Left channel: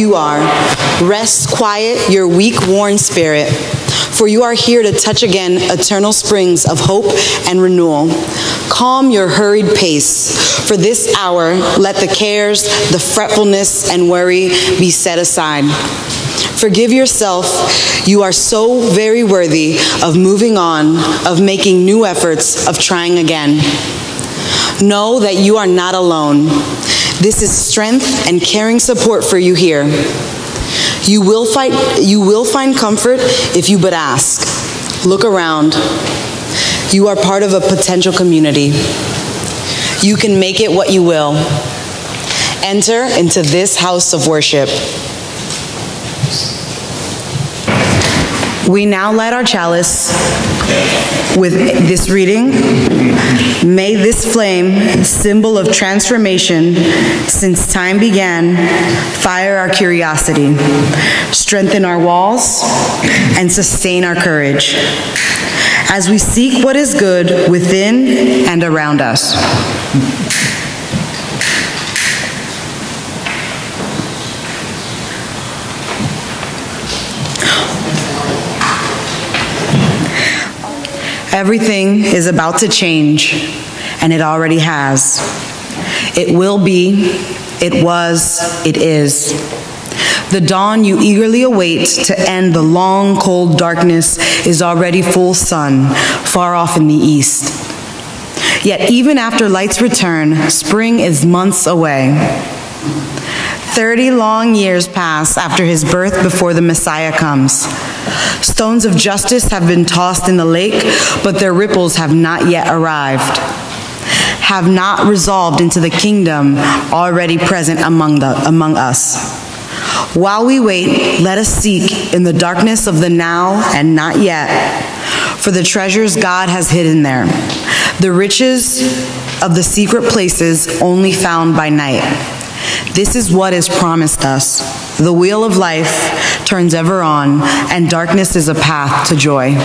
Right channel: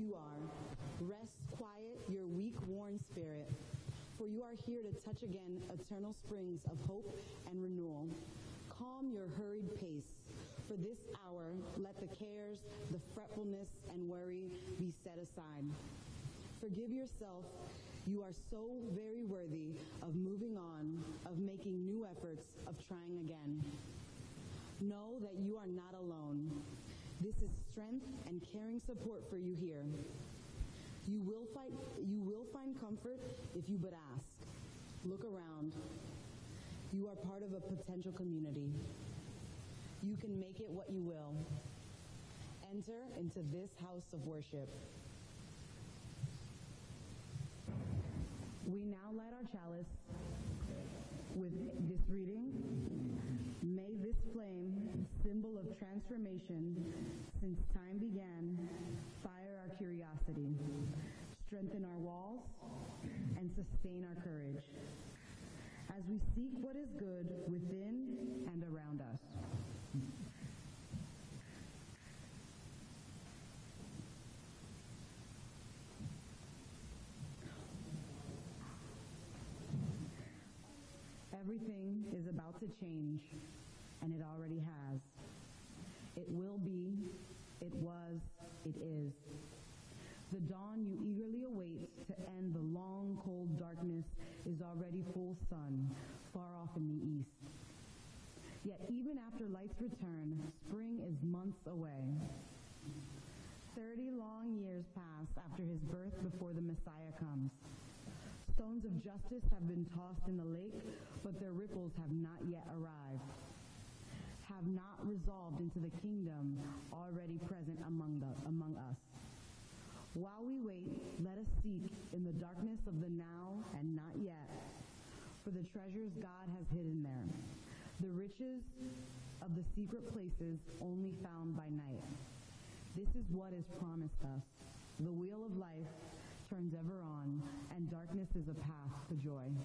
you are. Rest quiet your weak, worn spirit, for you are here to touch again eternal springs of hope and renewal. Calm your hurried pace. For this hour, let the cares, the fretfulness, and worry be set aside. Forgive yourself. You are so very worthy of moving on, of making new efforts, of trying again. Know that you are not alone. This is strength and caring support for you here. You will find comfort if you but ask. Look around. You are part of a potential community. You can make it what you will. Enter into this house of worship. We now light our chalice with this reading. May this flame, symbol of transformation since time began, fire our curiosity, strengthen our walls, and sustain our courage as we seek what is good within and around us. Everything is about to change, and it already has. It will be, it was, it is. The dawn you eagerly await to end the long, cold darkness is already full sun, far off in the east. Yet even after light's return, spring is months away. 30 long years pass after his birth before the Messiah comes. Stones of justice have been tossed in the lake, but their ripples have not yet arrived, have not resolved into the kingdom already present among us. While we wait, let us seek in the darkness of the now and not yet for the treasures God has hidden there, the riches of the secret places only found by night. This is what is promised us. The wheel of life turns ever on, and darkness is a path to joy.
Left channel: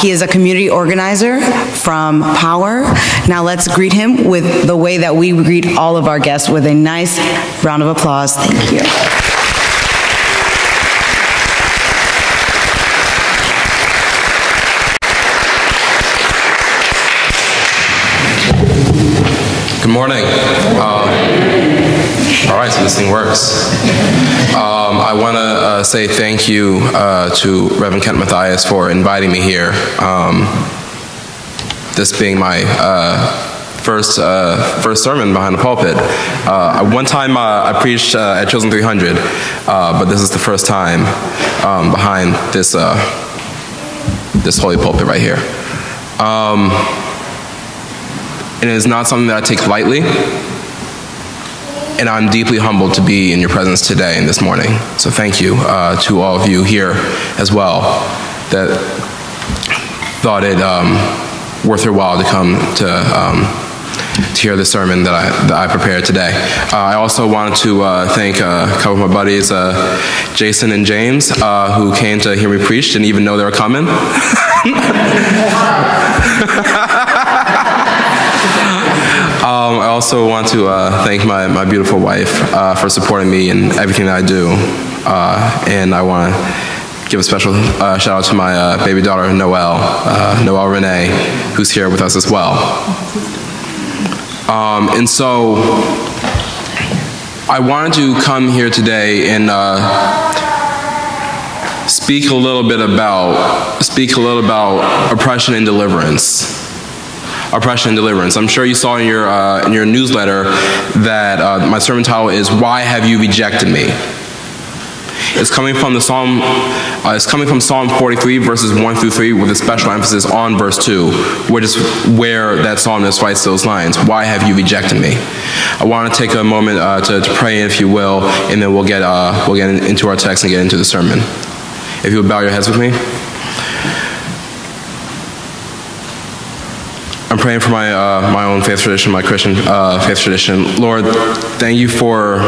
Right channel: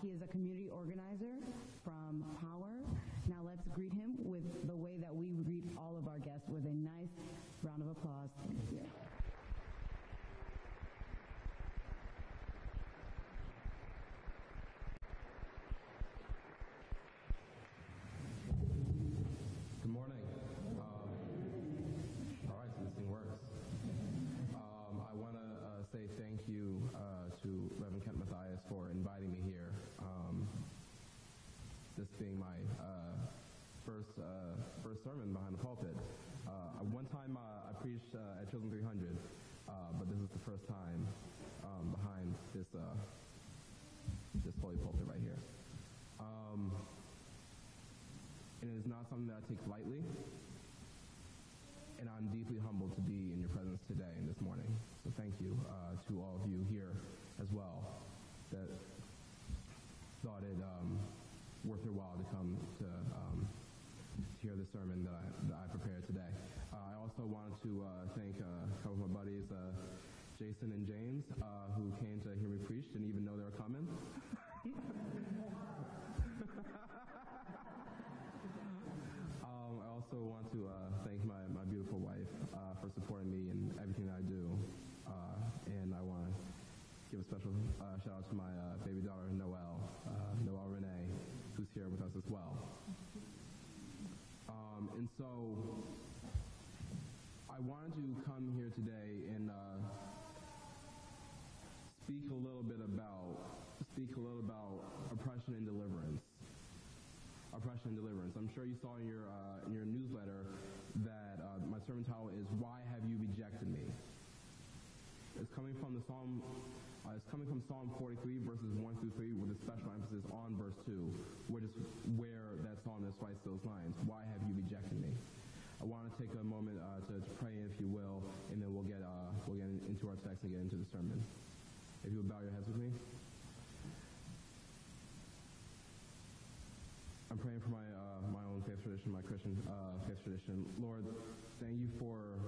He is a community organizer from Power. Now let's greet him with the way that we greet all of our guests, with a nice round of applause. Thank you. Good morning. All right, so this thing works. I want to say thank you to Reverend Kent Matthias for inviting me here. This being my first sermon behind the pulpit. One time I preached at Chosen 300, but this is the first time behind this this holy pulpit right here. And it is not something that I take lightly, and I'm deeply humbled to be in your presence today and this morning. So thank you to all of you here as well that thought it worth your while to come to hear the sermon that I prepared today. I also wanted to thank a couple of my buddies, Jason and James, who came to hear me preach, didn't even know they were coming. I also want to thank my beautiful wife for supporting me in everything that I do. And I want to give a special shout out to my baby daughter, Noelle Renee, who's here with us as well. And so I wanted to come here today and speak a little bit about oppression and deliverance. Oppression and deliverance. I'm sure you saw in your newsletter that my sermon title is "Why Have You Rejected Me?" It's coming from the Psalm. It's coming from Psalm 43, verses 1 through 3, with a special emphasis on verse 2, which is where that psalmist writes those lines. Why have you rejected me? I want to take a moment to pray, if you will, and then we'll get into our text and get into the sermon. If you would bow your heads with me. I'm praying for my own faith tradition, my Christian faith tradition. Lord, thank you for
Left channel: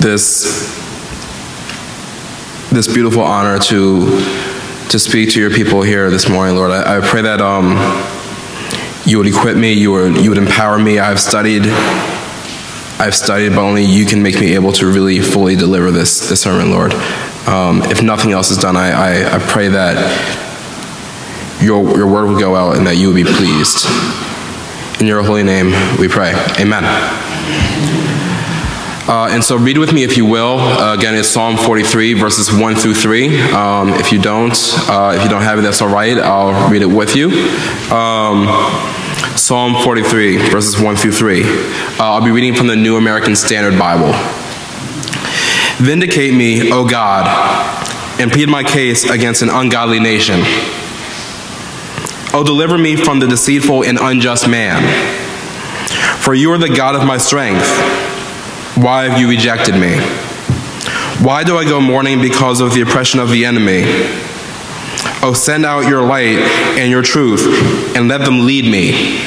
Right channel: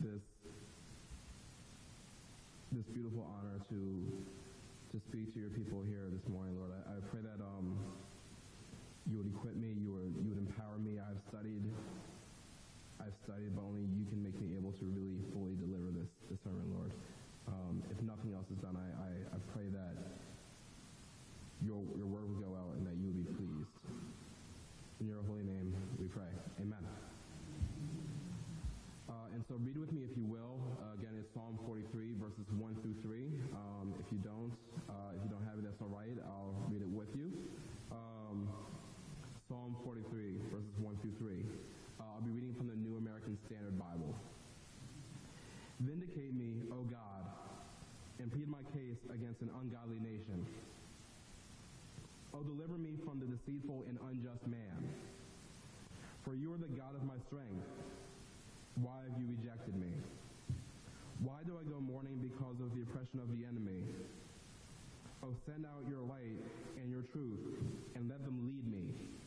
this beautiful honor to speak to your people here this morning, Lord. I pray that you would equip me, you would empower me. I've studied, but only you can make me able to really fully deliver this sermon, Lord. If nothing else is done, I pray that your word will go out and that you will be pleased. In your holy name we pray. Amen. And so read with me if you will. Again, it's Psalm 43, verses 1 through 3. If you don't have it, that's all right. I'll read it with you. Psalm 43, verses 1 through 3. I'll be reading from the New American Standard Bible. Vindicate me, O God, and plead my case against an ungodly nation. O deliver me from the deceitful and unjust man. For you are the God of my strength. Why have you rejected me? Why do I go mourning because of the oppression of the enemy? Oh, send out your light and your truth, and let them lead me.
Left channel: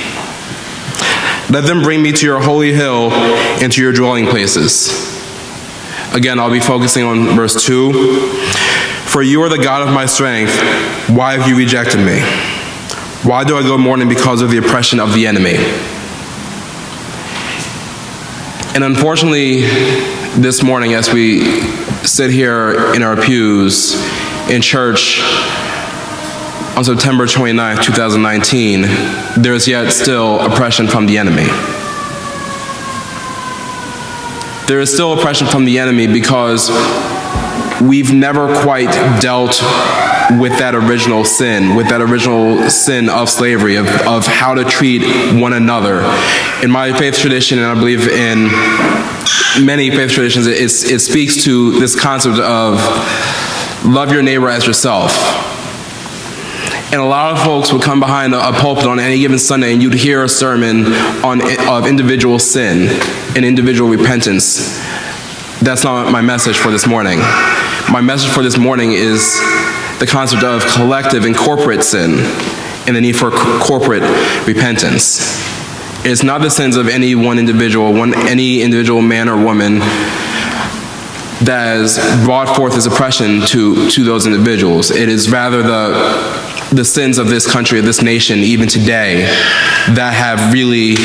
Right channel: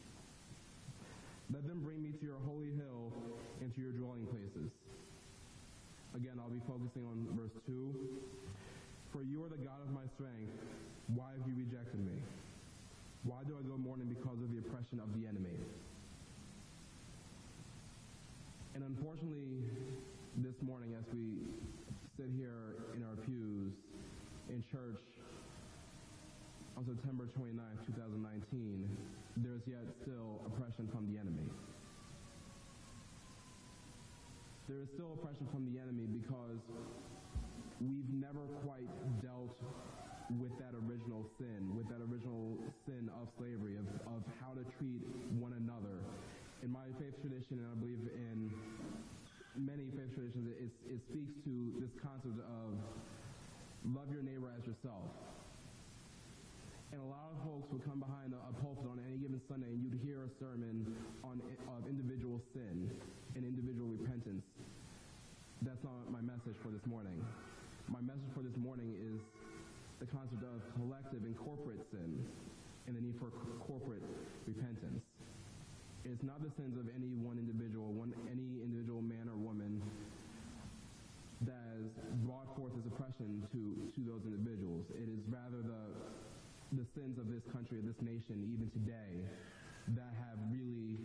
Let them bring me to your holy hill and to your dwelling places. Again, I'll be focusing on verse 2. For you are the God of my strength. Why have you rejected me? Why do I go mourning because of the oppression of the enemy? And unfortunately, this morning, as we sit here in our pews in church on September 29th, 2019, there is yet still oppression from the enemy. There is still oppression from the enemy because we've never quite dealt with that original sin of slavery, of how to treat one another. In my faith tradition, and I believe in many faith traditions, it speaks to this concept of love your neighbor as yourself. And a lot of folks would come behind a pulpit on any given Sunday and you'd hear a sermon of individual sin and individual repentance. That's not my message for this morning. My message for this morning is the concept of collective and corporate sin and the need for corporate repentance. It's not the sins of any one individual, any individual man or woman that has brought forth this oppression to those individuals. It is rather the sins of this country, of this nation, even today, that have really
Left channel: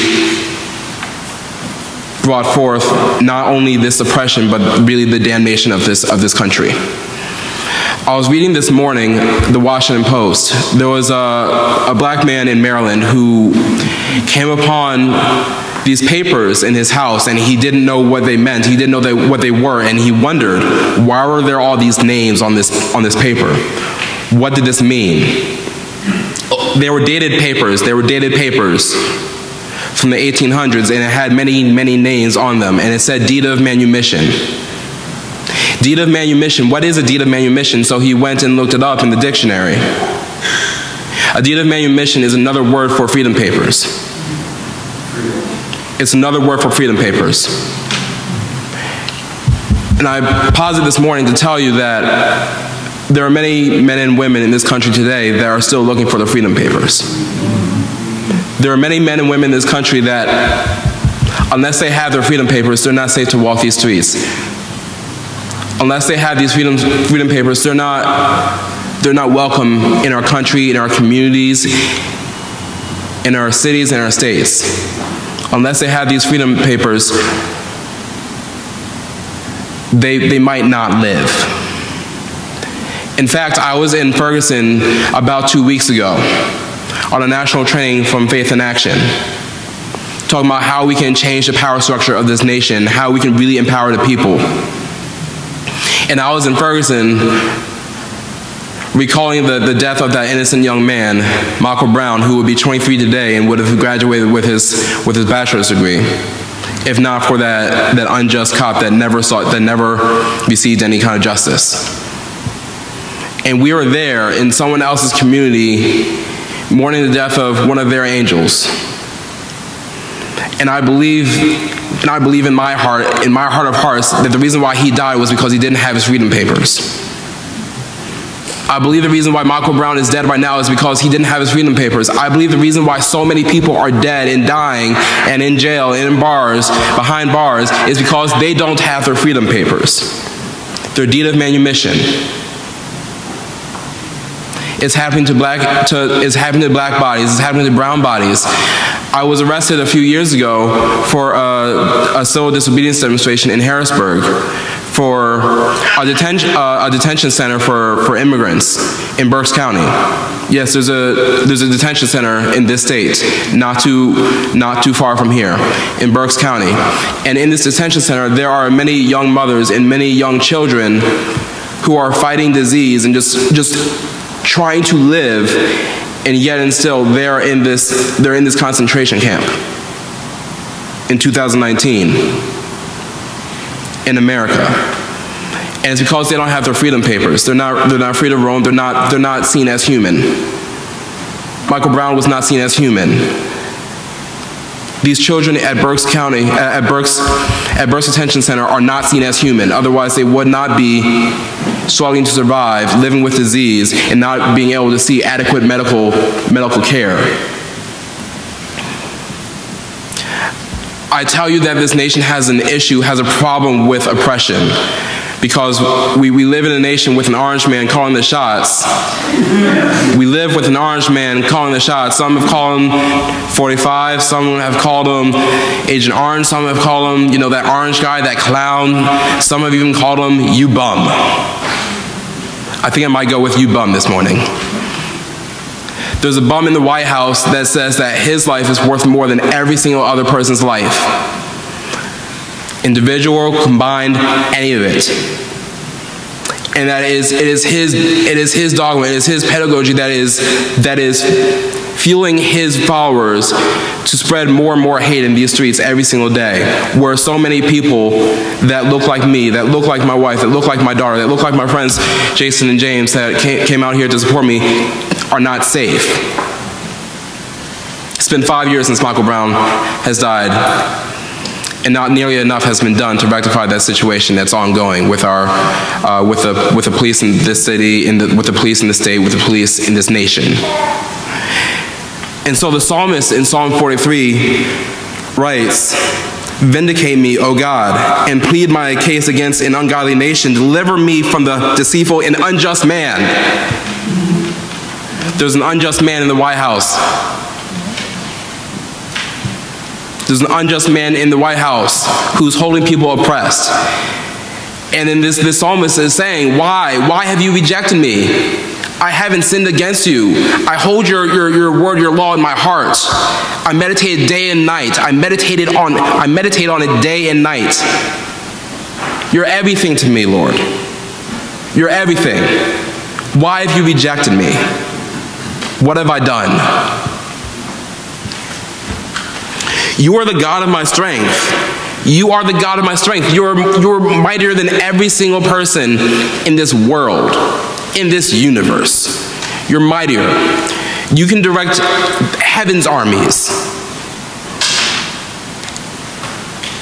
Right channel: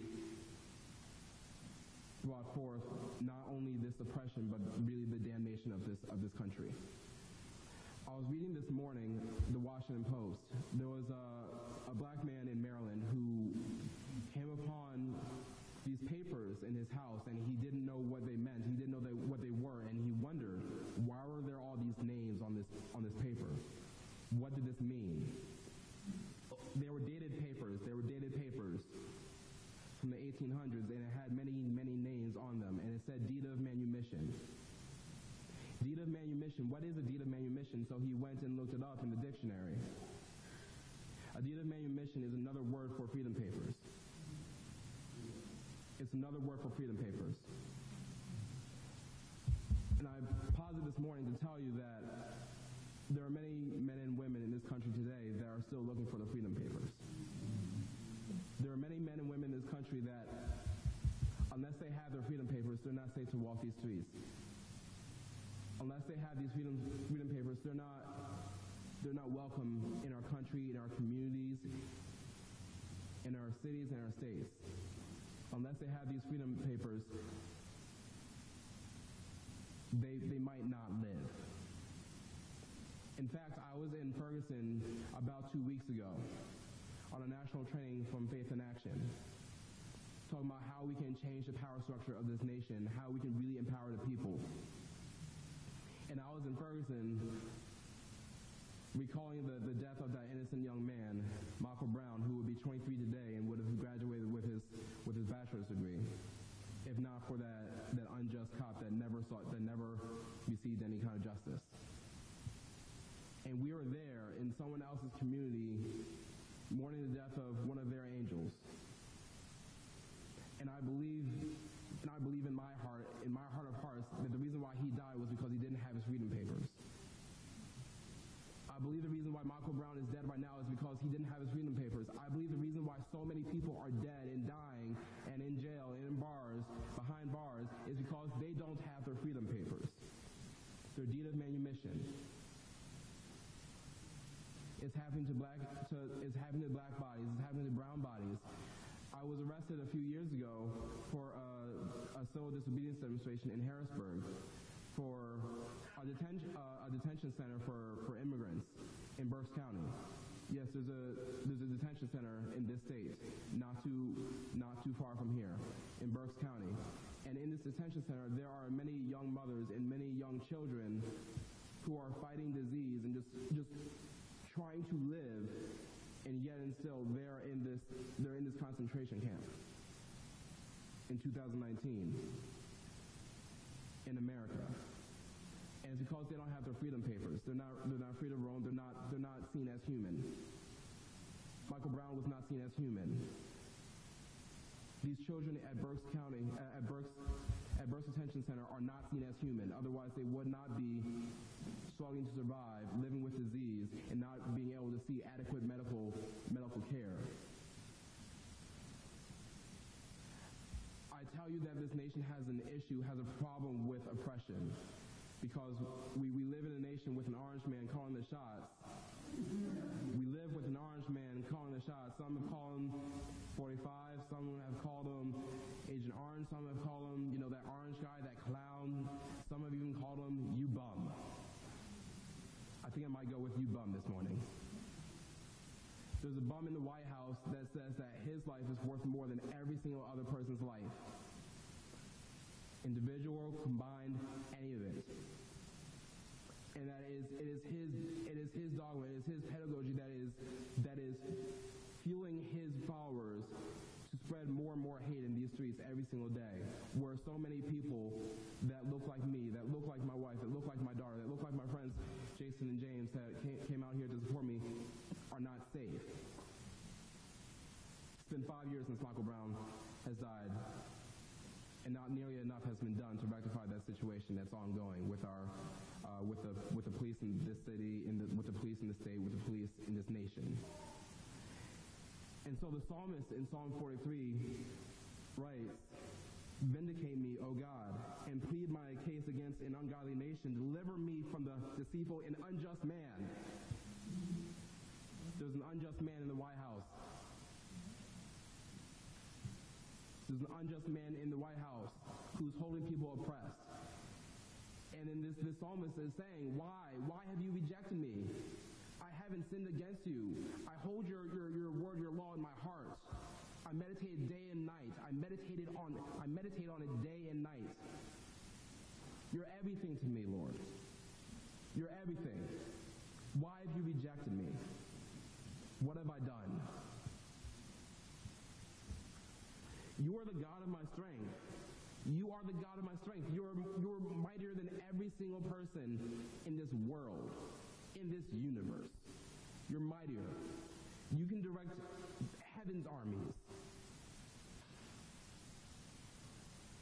brought forth not only this oppression, but really the damnation of this country. I was reading this morning the Washington Post. There was a black man in Maryland who came upon these papers in his house, and he didn't know what they meant. He didn't know what they were, and he wondered, why were there all these names on this paper? What did this mean? They were dated papers. They were dated papers from the 1800s, and it had many, many names on them, and it said deed of manumission. Deed of manumission. What is a deed of manumission? So he went and looked it up in the dictionary. A deed of manumission is another word for freedom papers. It's another word for freedom papers. And I paused this morning to tell you that there are many men and women in this country today that are still looking for the freedom papers. There are many men and women in this country that, unless they have their freedom papers, they're not safe to walk these streets. Unless they have these freedom papers, they're not welcome in our country, in our communities, in our cities, and our states. Unless they have these freedom papers, they might not live. In fact, I was in Ferguson about 2 weeks ago on a national training from Faith in Action, talking about how we can change the power structure of this nation, how we can really empower the people. And I was in Ferguson recalling the death of that innocent young man, Michael Brown, who would be 23 today and would have graduated with his bachelor's degree, if not for that unjust cop that never received any kind of justice. And we were there in someone else's community mourning the death of one of their angels. And I believe in my heart of hearts, that the reason why he died was because he didn't have his freedom papers. I believe the reason why Michael Brown is dead right now is because he didn't have his freedom papers. I believe the reason why so many people are dead and dying and in jail and in bars, behind bars, is because they don't have their freedom papers. Their deed of manumission. It's happening to black bodies. It's happening to brown bodies. I was arrested a few years ago for a civil disobedience demonstration in Harrisburg for a detention center for immigrants in Berks County. Yes, there's a detention center in this state, not too far from here, in Berks County. And in this detention center, there are many young mothers and many young children who are fighting disease and just trying to live, and yet and still they're in this concentration camp in 2019 in America. And it's because they don't have their freedom papers. They're not free to roam. They're not seen as human. Michael Brown was not seen as human. These children at Berks County, at Berks Detention Center, are not seen as human. Otherwise, they would not be struggling to survive, living with disease, and not being able to see adequate medical care. I tell you that this nation has an issue, has a problem with oppression, because we live in a nation with an orange man calling the shots. We live with an orange man calling the shots. Some have called him 45, some have called him Agent Orange, some have called him, that orange guy, that clown. Some have even called him you bum. I think I might go with you bum this morning. There's a bum in the White House that says that his life is worth more than every single other person's life. Individual, combined, any of it. And it is his dogma, it is his pedagogy that is fueling his followers to spread more and more hate in these streets every single day, where so many people that look like me, that look like my wife, that look like my daughter, that look like my friends Jason and James that came out here to support me are not safe. It's been 5 years since Michael Brown has died, and not nearly enough has been done to rectify that situation that's ongoing with the police in this city, with the police in the state, with the police in this nation. And so the psalmist in Psalm 43 writes, "Vindicate me, O God, and plead my case against an ungodly nation. Deliver me from the deceitful and unjust man." There's an unjust man in the White House. There's an unjust man in the White House who's holding people oppressed. And then this psalmist is saying, why have you rejected me? I haven't sinned against you. I hold your word, your law in my heart. I meditate day and night. I meditate on it day and night. You're everything to me, Lord. You're everything. Why have you rejected me? What have I done? You are the God of my strength. You are the God of my strength. You're mightier than every single person in this world, in this universe. You're mightier. You can direct heaven's armies.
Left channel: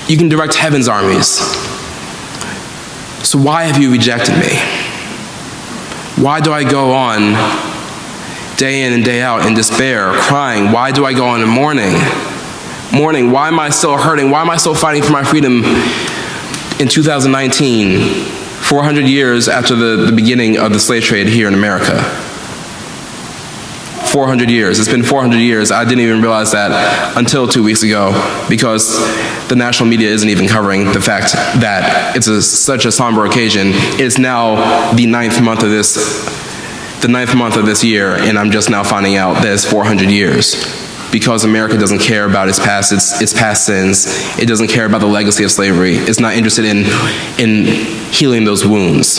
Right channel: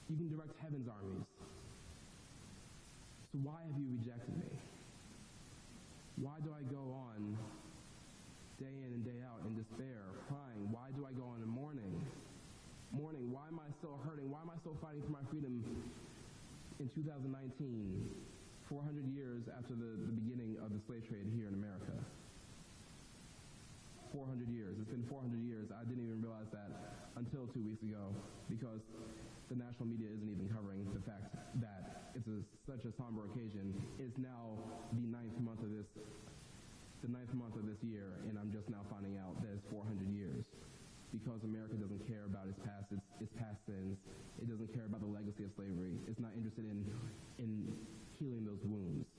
You can direct heaven's armies. So why have you rejected me? Why do I go on day in and day out in despair, crying? Why do I go on in mourning? Why am I still hurting? Why am I still fighting for my freedom in 2019, 400 years after the beginning of the slave trade here in America? 400 years. It's been 400 years. I didn't even realize that until 2 weeks ago, because the national media isn't even covering the fact that it's such a somber occasion. It's now the ninth month of this year, and I'm just now finding out that it's 400 years. Because America doesn't care about its past sins. It doesn't care about the legacy of slavery. It's not interested in healing those wounds.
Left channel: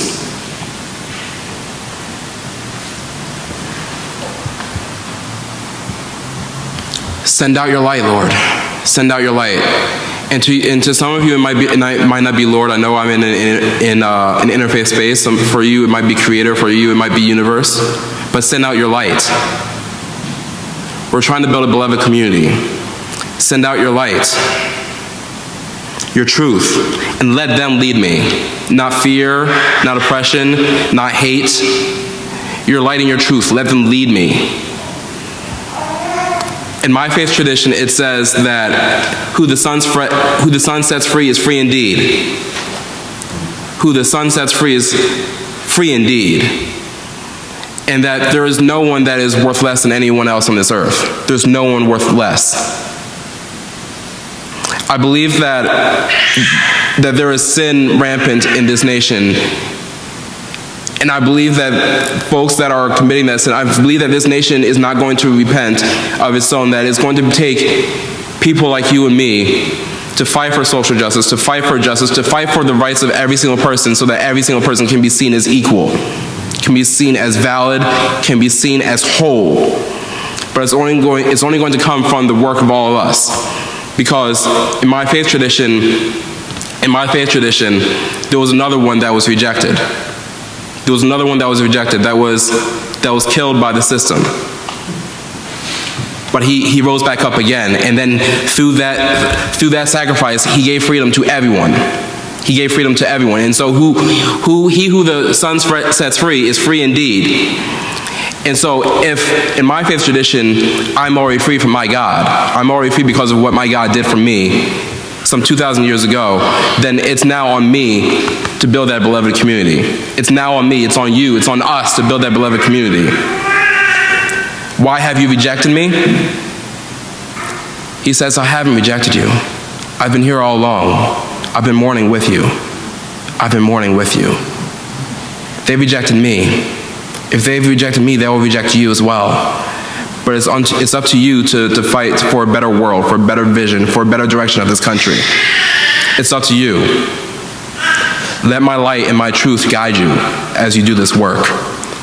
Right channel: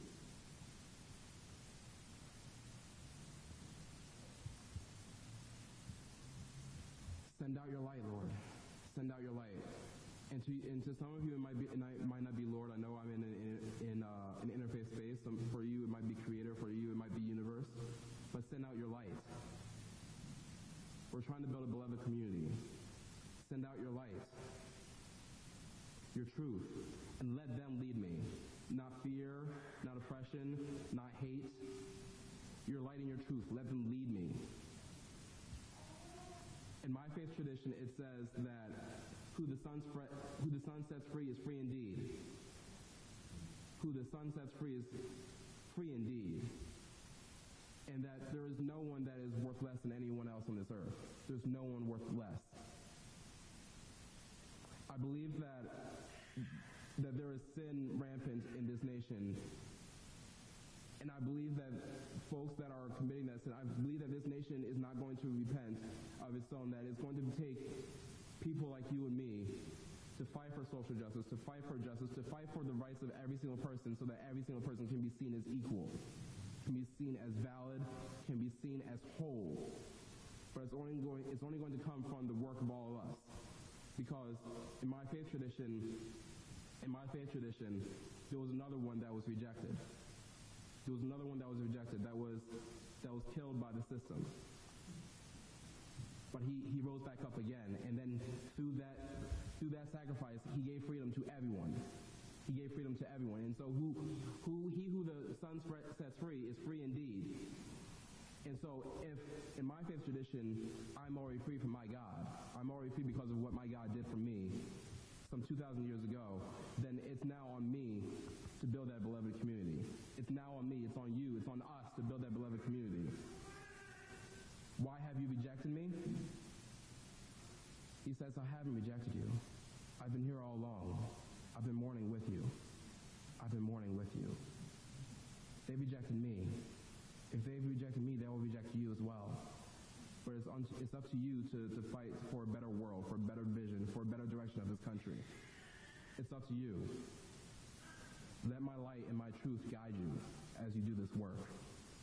Send out your light, Lord. Send out your light. And to some of you, it might not be Lord. I know I'm in an interfaith space. For you, it might be Creator. For you, it might be Universe. But send out your light. We're trying to build a beloved community. Send out your light, your truth, and let them lead me. Not fear, not oppression, not hate. Your light and your truth, let them lead me. In my faith tradition, it says that who the Son sets free is free indeed. Who the Son sets free is free indeed. and that there is no one that is worth less than anyone else on this earth. There's no one worth less. I believe that there is sin rampant in this nation, and I believe that folks that are committing that sin, I believe that this nation is not going to repent of its own, that it's going to take people like you and me to fight for social justice, to fight for justice, to fight for the rights of every single person so that every single person can be seen as equal, can be seen as valid, can be seen as whole. But it's only going to come from the work of all of us. Because in my faith tradition, there was another one that was rejected. There was another one that was rejected, that was killed by the system. But he rose back up again, and then through that sacrifice, he gave freedom to everyone. He gave freedom to everyone. And so who the Son sets free is free indeed. And so if in my faith tradition, I'm already free from my God, I'm already free because of what my God did for me some 2,000 years ago, then it's now on me to build that beloved community. It's now on me, it's on you, it's on us to build that beloved community. Why have you rejected me? He says, I haven't rejected you. I've been here all along. I've been mourning with you. I've been mourning with you. They rejected me. If they've rejected me, they will reject you as well. But it's up to you to fight for a better world, for a better vision, for a better direction of this country. It's up to you. Let my light and my truth guide you as you do this work.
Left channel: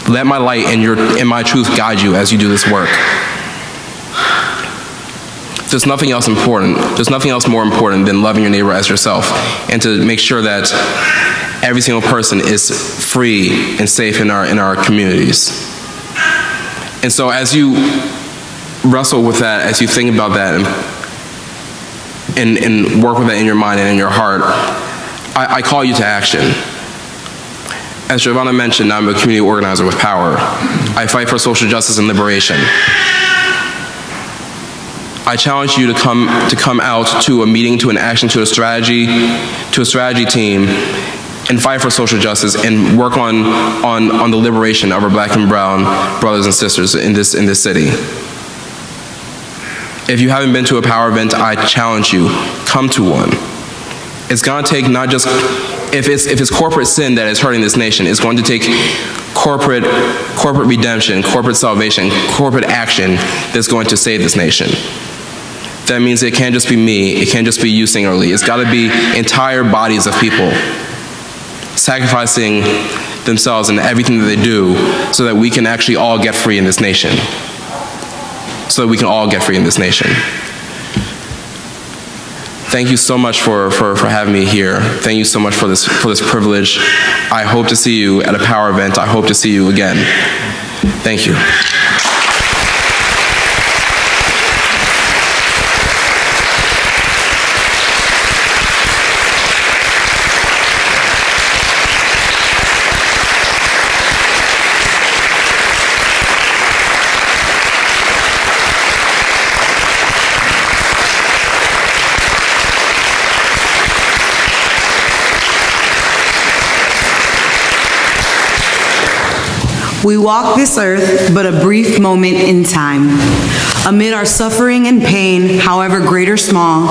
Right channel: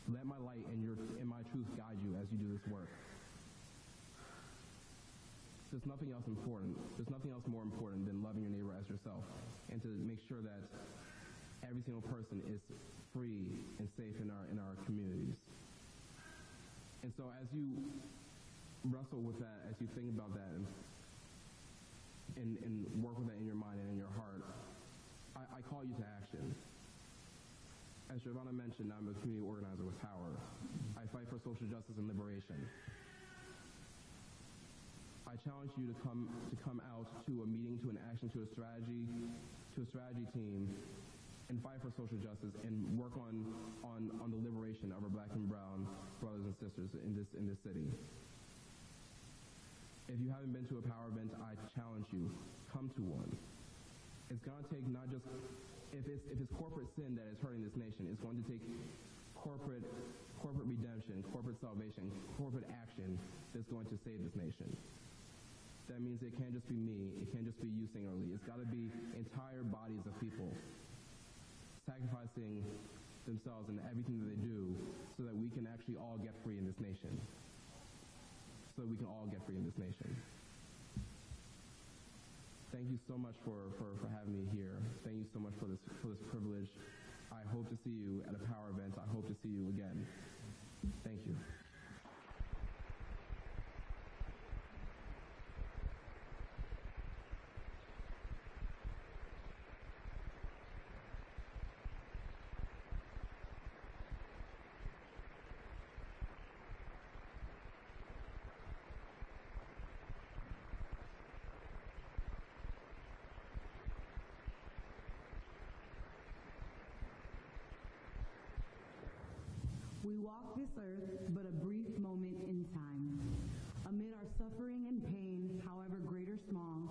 Let my light and my truth guide you as you do this work. There's nothing else important. There's nothing else more important than loving your neighbor as yourself, and to make sure that every single person is free and safe in our communities. And so as you wrestle with that, as you think about that, and work with that in your mind and in your heart, I call you to action. As Giovanna mentioned, I'm a community organizer with power. I fight for social justice and liberation. I challenge you to come out to a meeting, to an action, to a strategy team, and fight for social justice and work on the liberation of our black and brown brothers and sisters in this city. If you haven't been to a power event, I challenge you, come to one. It's going to take not just, if it's corporate sin that is hurting this nation, it's going to take corporate redemption, corporate salvation, corporate action that's going to save this nation. That means it can't just be me, it can't just be you singularly. It's got to be entire bodies of people sacrificing themselves and everything that they do so that we can actually all get free in this nation. So that we can all get free in this nation. Thank you so much for having me here. Thank you so much for this privilege. I hope to see you at a power event. I hope to see you again. Thank you. We walk this earth but a brief moment in time. Amid our suffering and pain, however great or small,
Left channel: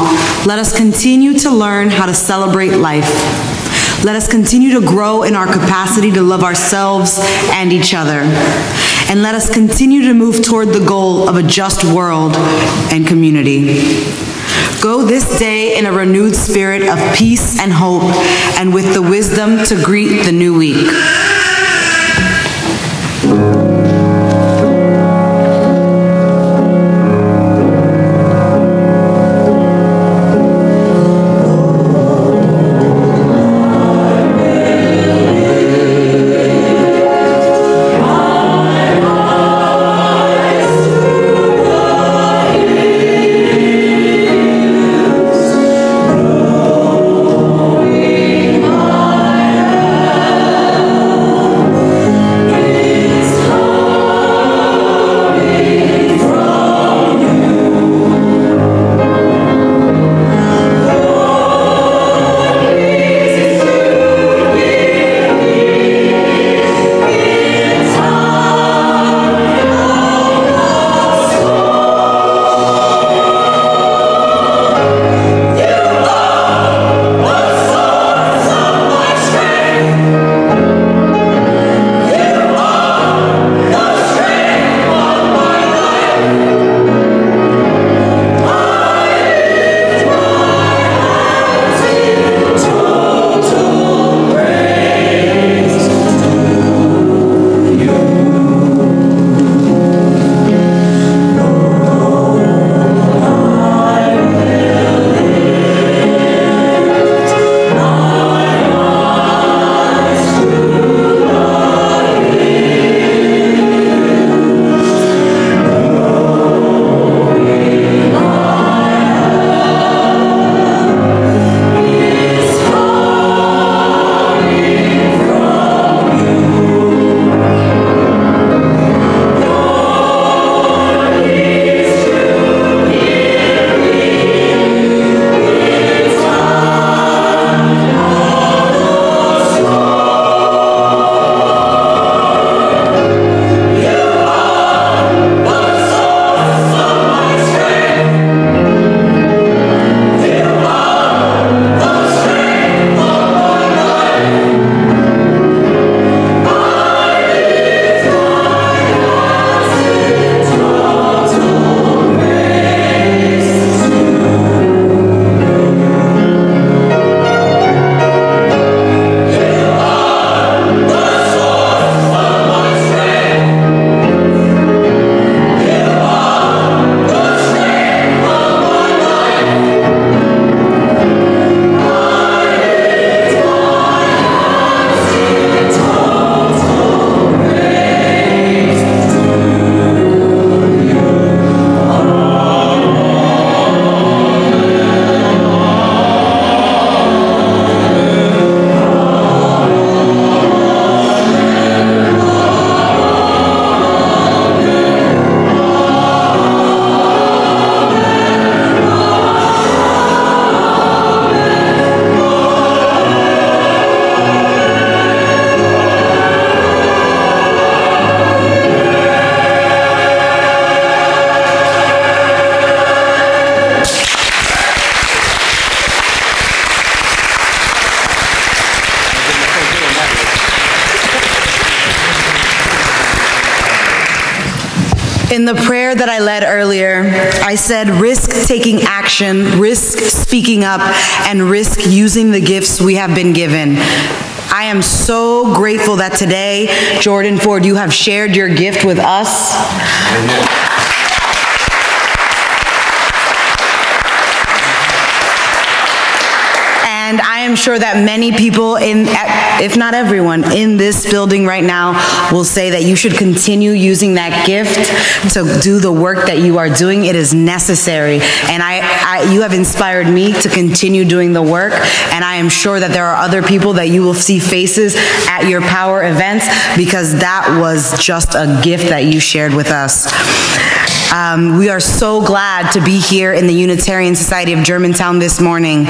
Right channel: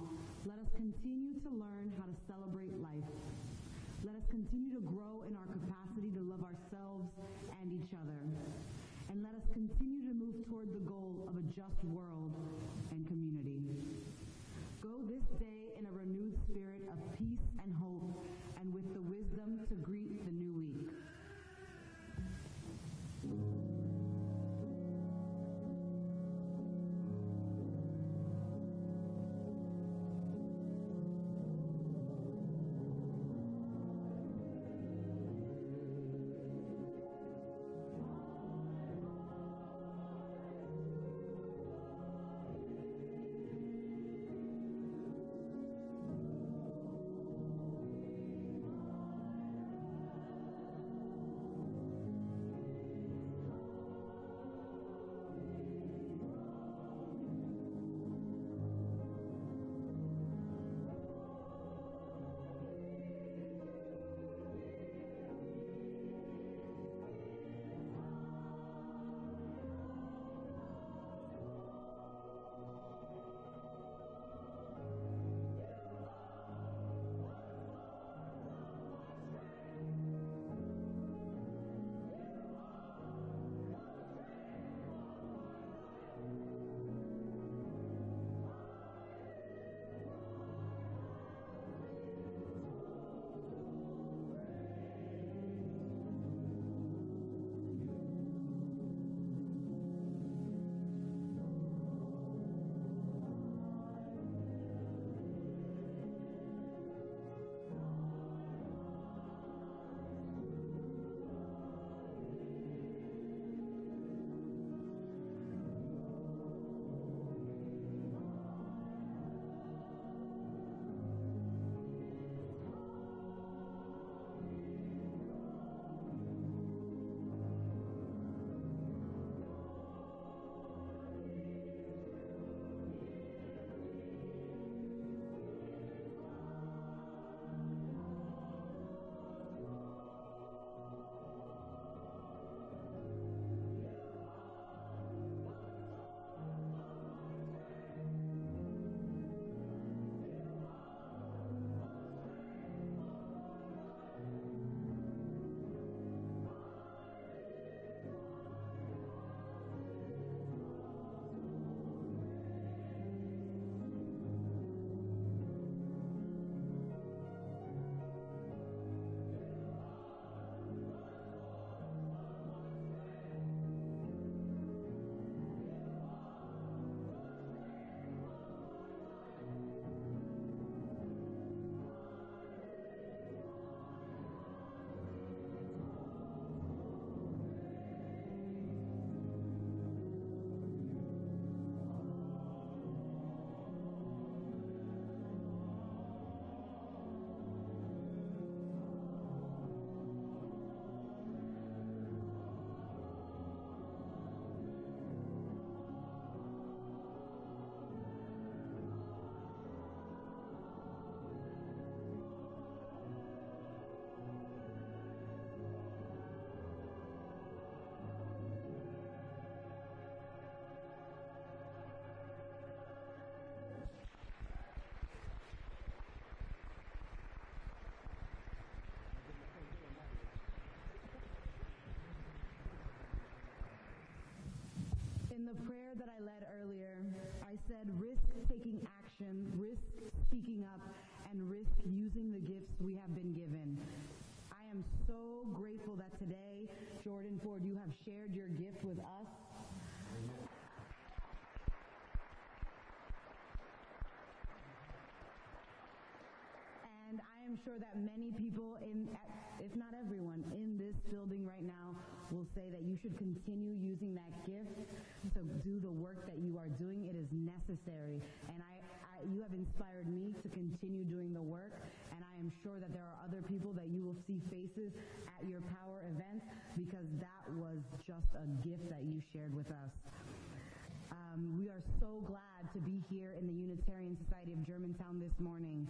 let us continue to learn how to celebrate life. Let us continue to grow in our capacity to love ourselves and each other. And let us continue to move toward the goal of a just world and community. Go this day in a renewed spirit of peace and hope, and with the wisdom to greet the new week. In the prayer that I led earlier, I said risk taking action, risk speaking up, and risk using the gifts we have been given. I am so grateful that today, Jordan Ford, you have shared your gift with us. And I am sure that many people, if not everyone, in this building right now will say that you should continue using that gift to do the work that you are doing. It is necessary. And you have inspired me to continue doing the work. And I am sure that there are other people that you will see faces at your Power events, because that was just a gift that you shared with us. We are so glad to be here in the Unitarian Society of Germantown this morning.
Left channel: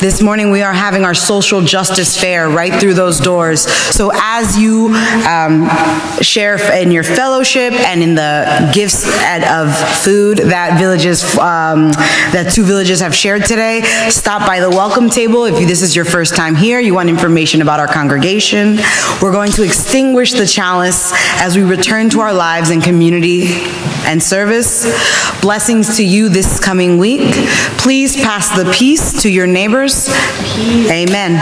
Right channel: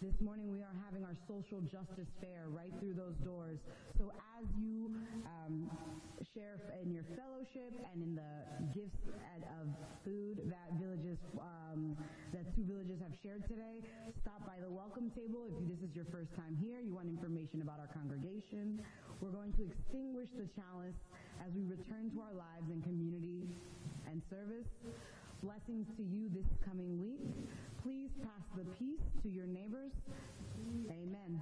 This morning we are having our social justice fair right through those doors. So as you share in your fellowship and in the gifts of food that that two villages have shared today, stop by the welcome table. If this is your first time here, you want information about our congregation. We're going to extinguish the chalice as we return to our lives in community and service. Blessings to you this coming week. Please pass the peace to your neighbors. Amen.